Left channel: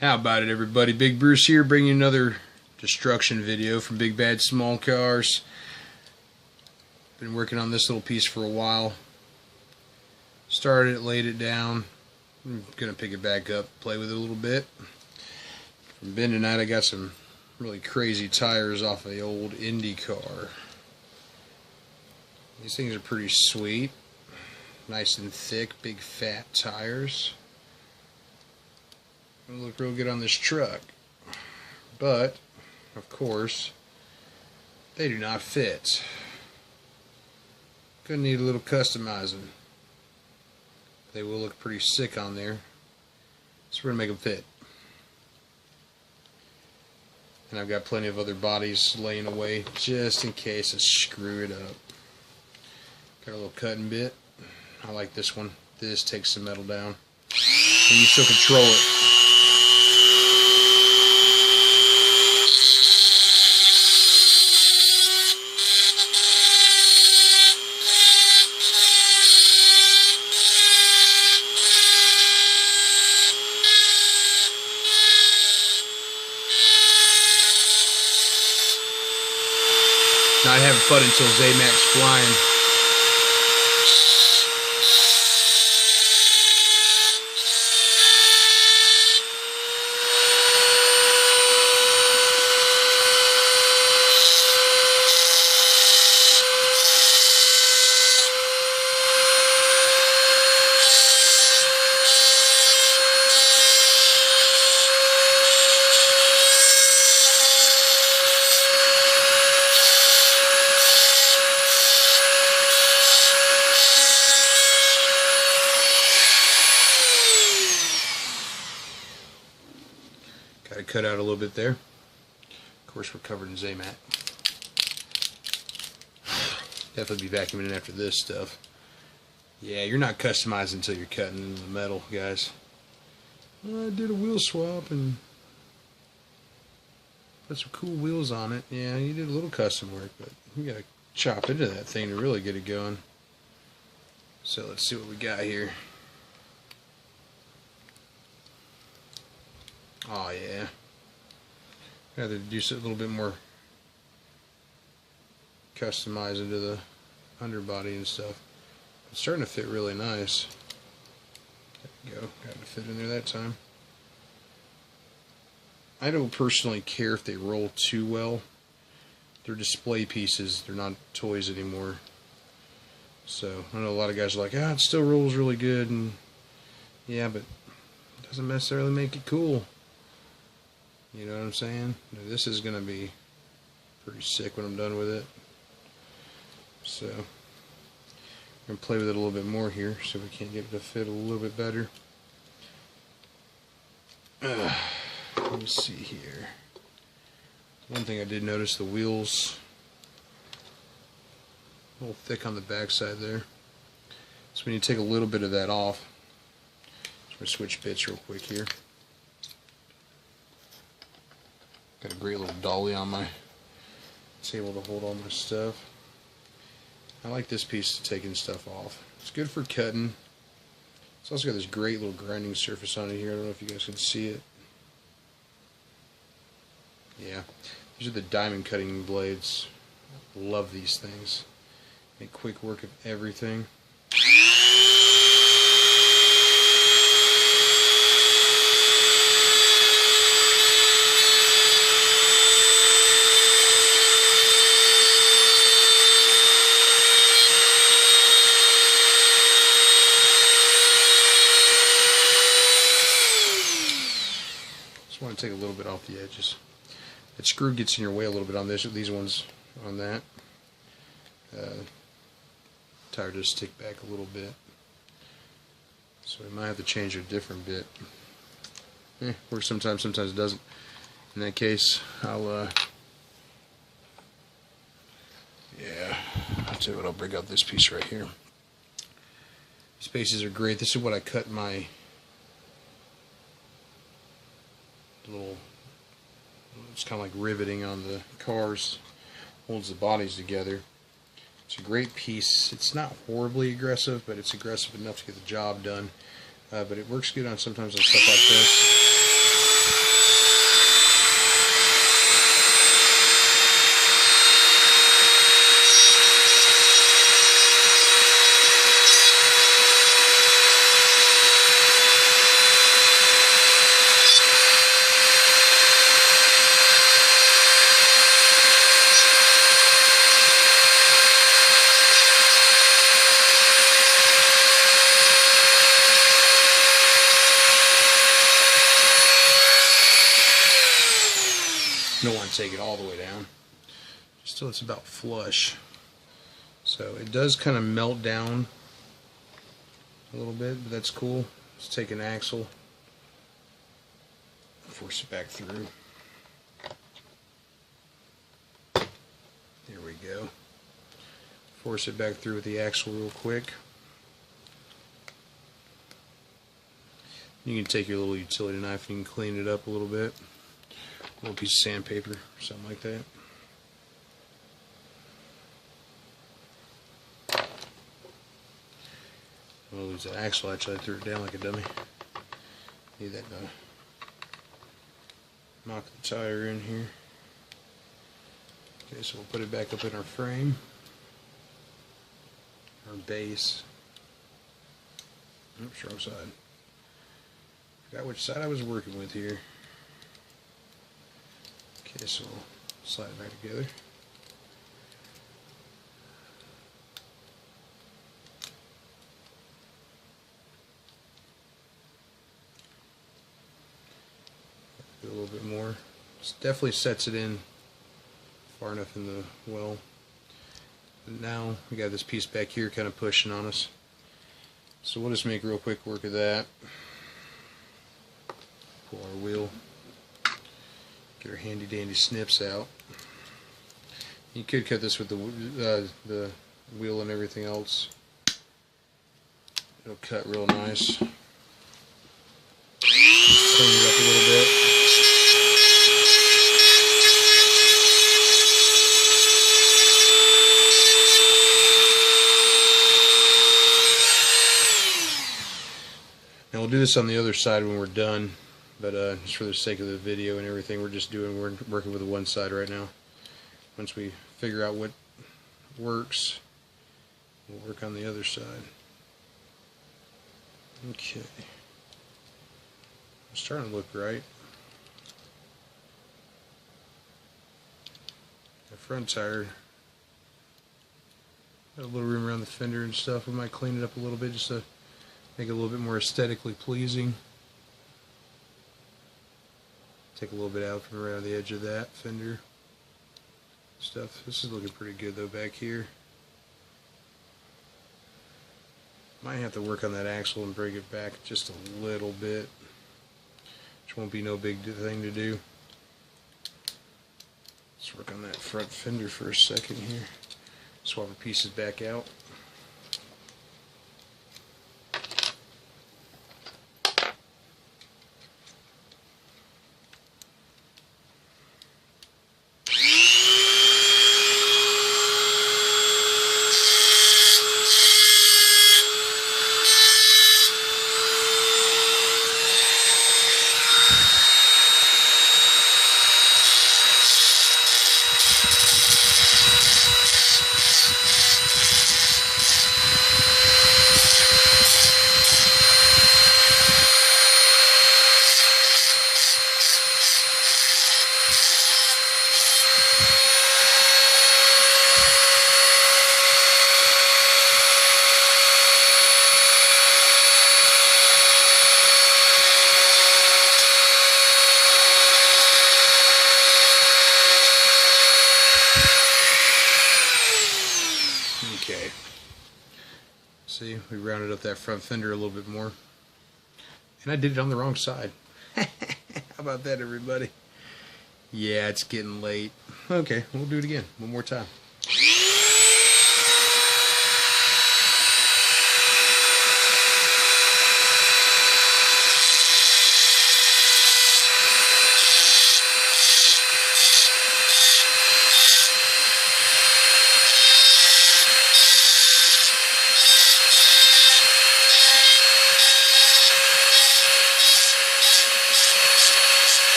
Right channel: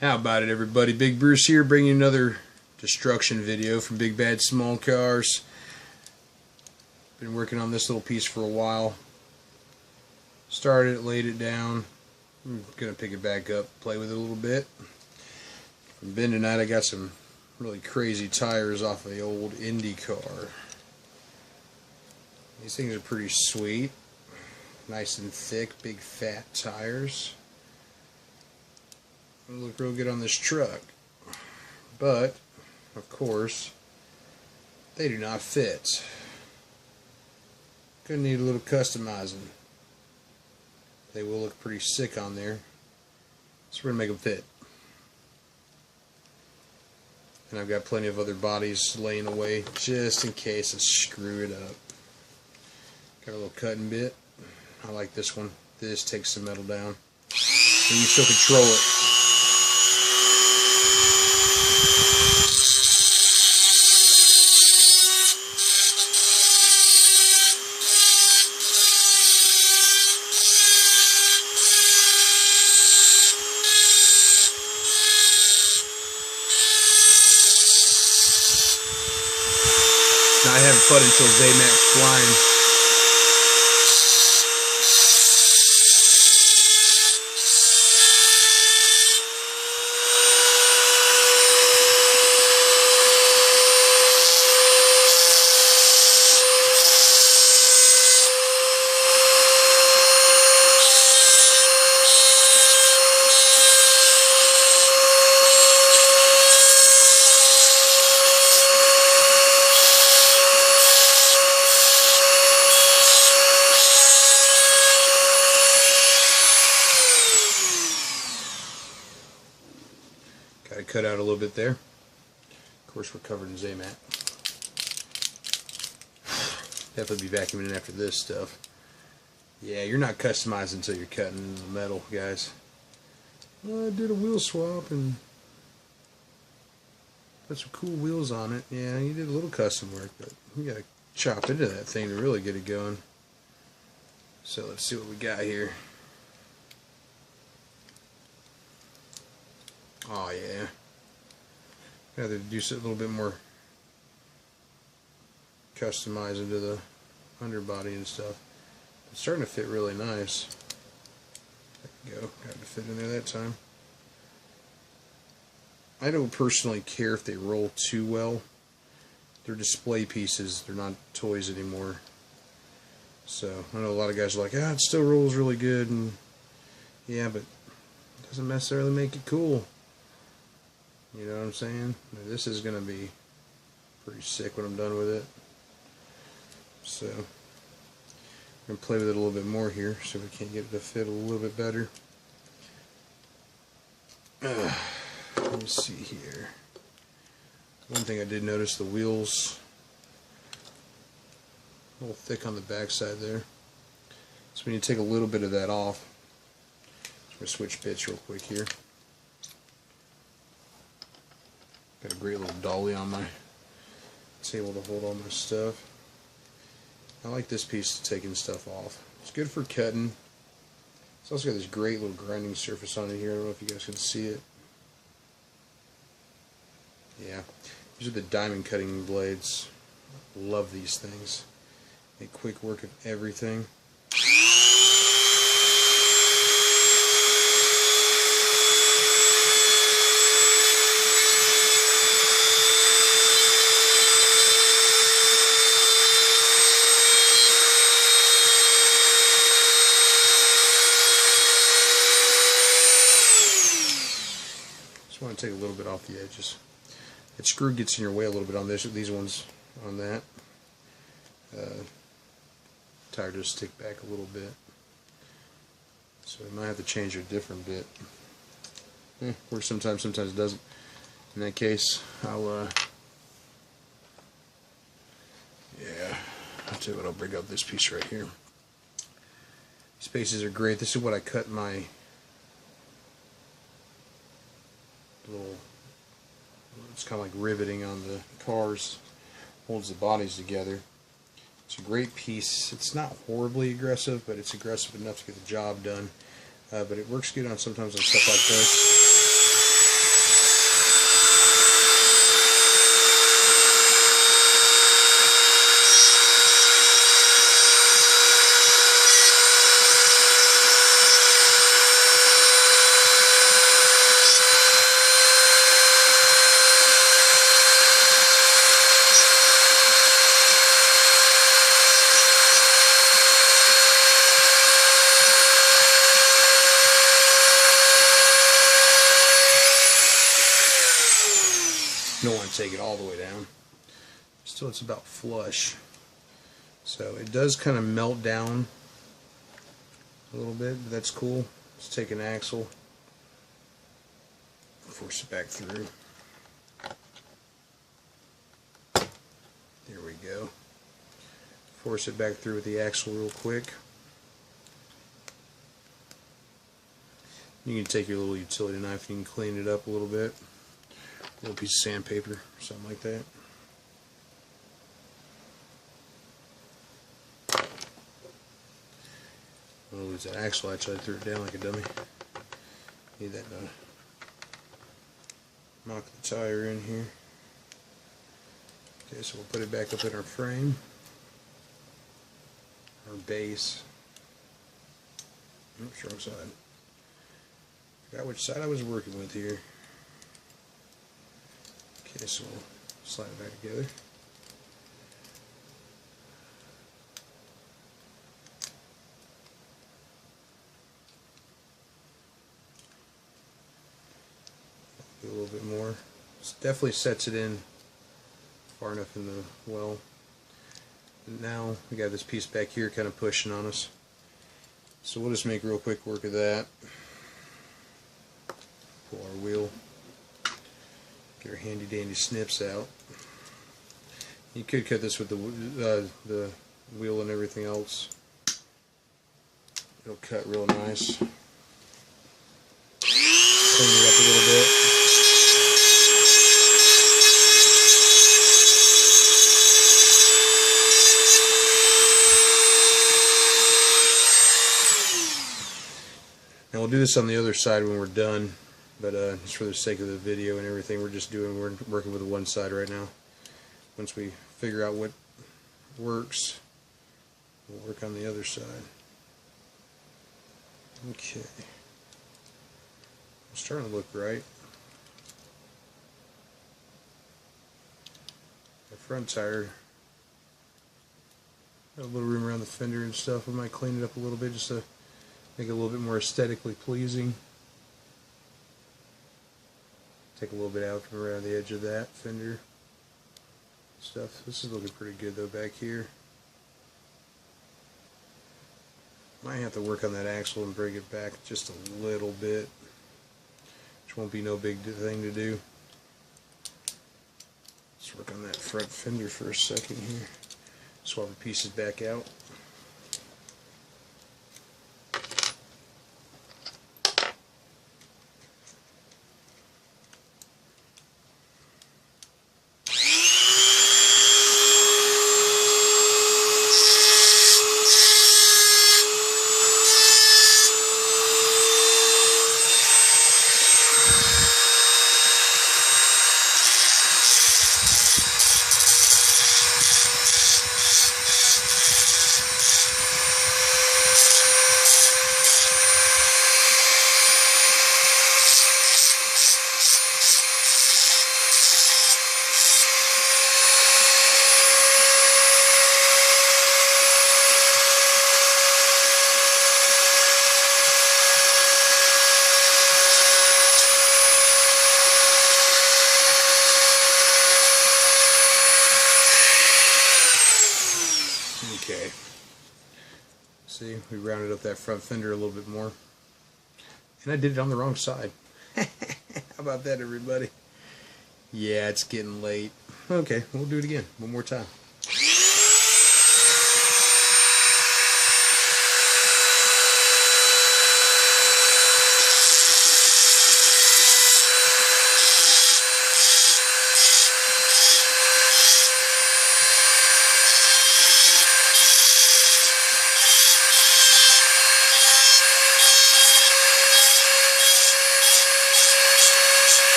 How about it, everybody? Big Bruce here, bringing you another destruction video from Big Bad Small Cars. Been working on this little piece for a while. Started it, laid it down. I'm gonna pick it back up, play with it a little bit. From Ben tonight, I got some really crazy tires off of the old Indy car. These things are pretty sweet, nice and thick, big fat tires. It'll look real good on this truck, but of course they do not fit. Gonna need a little customizing. They will look pretty sick on there, so we're gonna make them fit. And I've got plenty of other bodies laying away just in case I screw it up. Got a little cutting bit. I like this one. This takes the metal down, and you still control it. Not having fun until Zaymat's flying. Got to cut out a little bit there. Of course, we're covered in Zaymat. Definitely be vacuuming in after this stuff. Yeah, you're not customizing until you're cutting into the metal, guys. Well, I did a wheel swap and put some cool wheels on it. Yeah, you did a little custom work, but you got to chop into that thing to really get it going. So let's see what we got here. Oh yeah, got to do a little bit more customize into the underbody and stuff. It's starting to fit really nice. There we go, got to fit in there that time. I don't personally care if they roll too well. They're display pieces, they're not toys anymore. So I know a lot of guys are like, it still rolls really good, and yeah, but it doesn't necessarily make it cool. You know what I'm saying? Now, this is going to be pretty sick when I'm done with it. So, I'm going to play with it a little bit more here, so we can get it to fit a little bit better. Let me see here. One thing I did notice, the wheels a little thick on the backside there. So we need to take a little bit of that off. I'm going to switch bits real quick here. Got a great little dolly on my table to hold all my stuff. I like this piece taking stuff off. It's good for cutting. It's also got this great little grinding surface on it here. I don't know if you guys can see it. Yeah, these are the diamond cutting blades. Love these things. Make quick work of everything. Just want to take a little bit off the edges. That screw gets in your way a little bit on these ones on that. Tire does stick back a little bit, so we might have to change a different bit. Works sometimes it doesn't. In that case, I'll tell you what, I'll break out this piece right here. These pieces are great. This is what I cut my little, it's kind of like riveting on the cars, holds the bodies together. It's a great piece. It's not horribly aggressive, but it's aggressive enough to get the job done. But it works good on sometimes on stuff like this. don't want to take it all the way down. Still, it's about flush. So it does kind of melt down a little bit, but that's cool. Let's take an axle, force it back through. There we go. Force it back through with the axle real quick. You can take your little utility knife and you can clean it up a little bit. A little piece of sandpaper or something like that. I'm going to lose that axle. Actually, I threw it down like a dummy. Need that to knock the tire in here. Okay, so we'll put it back up in our frame, our base. Oops, wrong side. Forgot which side I was working with here. Okay, so we'll slide it back together. Do a little bit more. This definitely sets it in far enough in the well. And now we got this piece back here kind of pushing on us. So we'll just make real quick work of that. Pull our wheel. Get our handy dandy snips out. You could cut this with the wheel and everything else. It'll cut real nice. Clean it up a little bit. Now we'll do this on the other side when we're done. But just for the sake of the video and everything, we're working with the one side right now. Once we figure out what works, we'll work on the other side. Okay. It's starting to look right. The front tire, got a little room around the fender and stuff. We might clean it up a little bit just to make it a little bit more aesthetically pleasing. Take a little bit out from around the edge of that fender stuff. This is looking pretty good though back here. Might have to work on that axle and bring it back just a little bit, which won't be no big thing to do. Let's work on that front fender for a second here. Swap our pieces back out. Okay. See, we rounded up that front fender a little bit more. And I did it on the wrong side. How about that, everybody? Yeah, it's getting late. Okay, we'll do it again. One more time.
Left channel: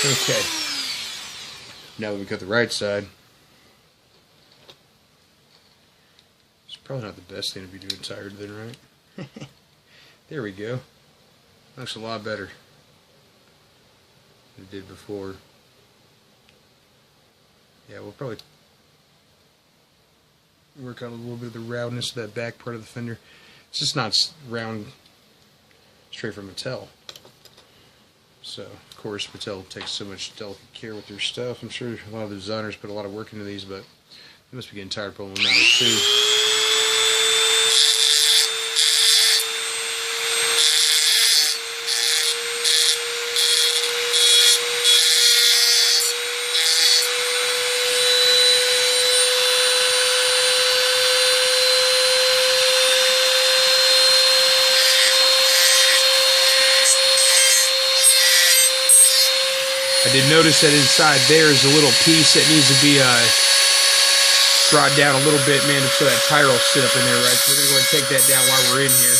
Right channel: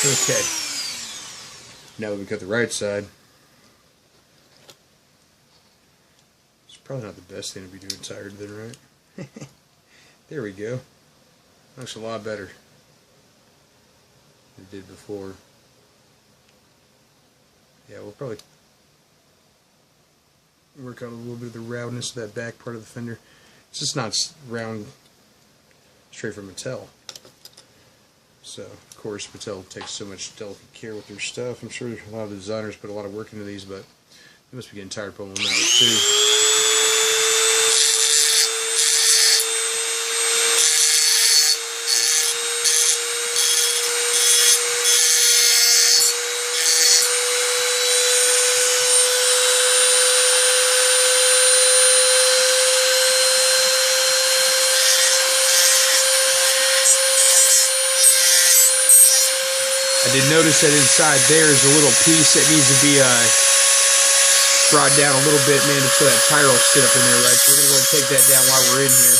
Okay, now that we got the right side, it's probably not the best thing to be doing tired then, right? There we go. Looks a lot better than it did before. Yeah, we'll probably work out a little bit of the roundness of that back part of the fender. It's just not round straight from Mattel. So, of course, Mattel takes so much delicate care with their stuff. I'm sure a lot of the designers put a lot of work into these, but they must be getting tired of pulling them out too. I did notice that inside there is a little piece that needs to be brought down a little bit, man, so that tire will sit up in there, right? So we're going to go ahead and take that down while we're in here.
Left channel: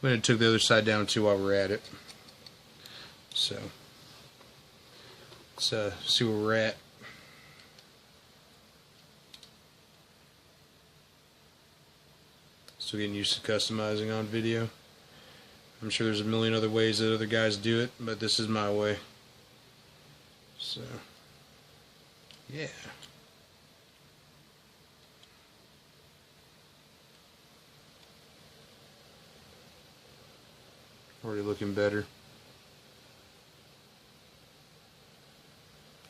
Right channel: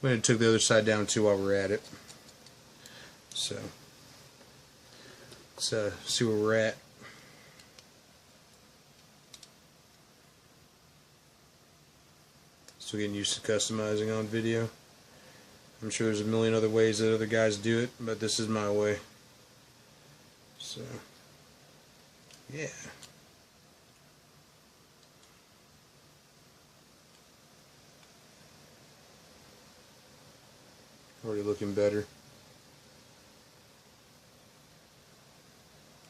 I'm going to take the other side down too while we're at it. So, let's see where we're at. Still getting used to customizing on video. I'm sure there's a million other ways that other guys do it, but this is my way. So, yeah. Already looking better.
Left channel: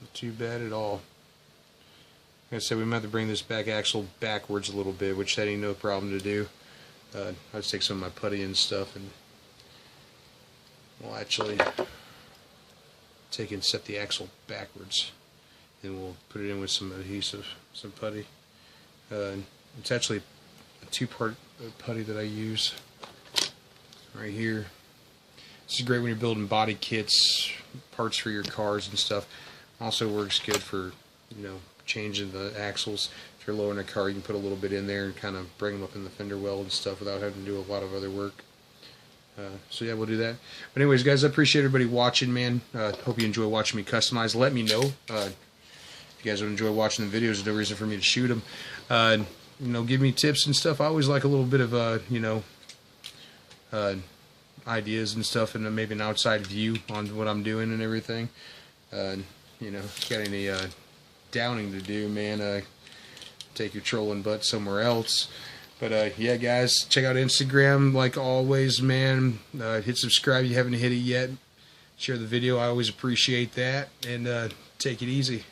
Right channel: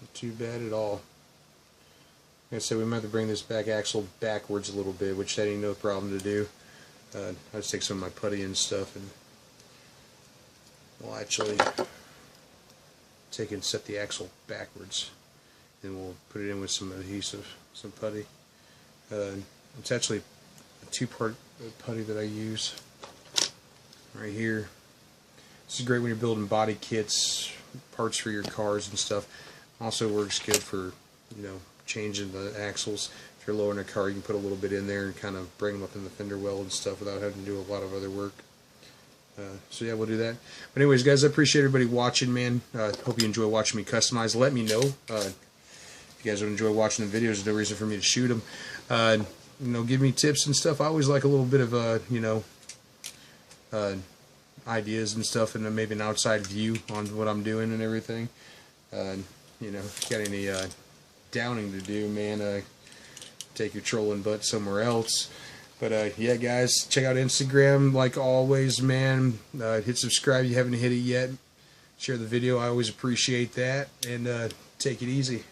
Not too bad at all. Like I said, we might have to bring this back axle backwards a little bit, which that ain't no problem to do. I'll just take some of my putty and stuff, and we'll actually take and set the axle backwards, and we'll put it in with some adhesive, some putty. It's actually a two-part putty that I use right here. This is great when you're building body kits, parts for your cars and stuff. Also works good for, you know, changing the axles. If you're lowering a car, you can put a little bit in there and kind of bring them up in the fender well and stuff without having to do a lot of other work. So yeah, we'll do that. But anyways, guys, I appreciate everybody watching, man. Hope you enjoy watching me customize. Let me know if you guys would enjoy watching the videos. There's no reason for me to shoot them. You know, give me tips and stuff. I always like a little bit of you know, ideas and stuff, and maybe an outside view on what I'm doing and everything. You know, if you got any downing to do, man, take your trolling butt somewhere else. But yeah, guys, check out Instagram like always, man. Hit subscribe if you haven't hit it yet. Share the video, I always appreciate that. And take it easy.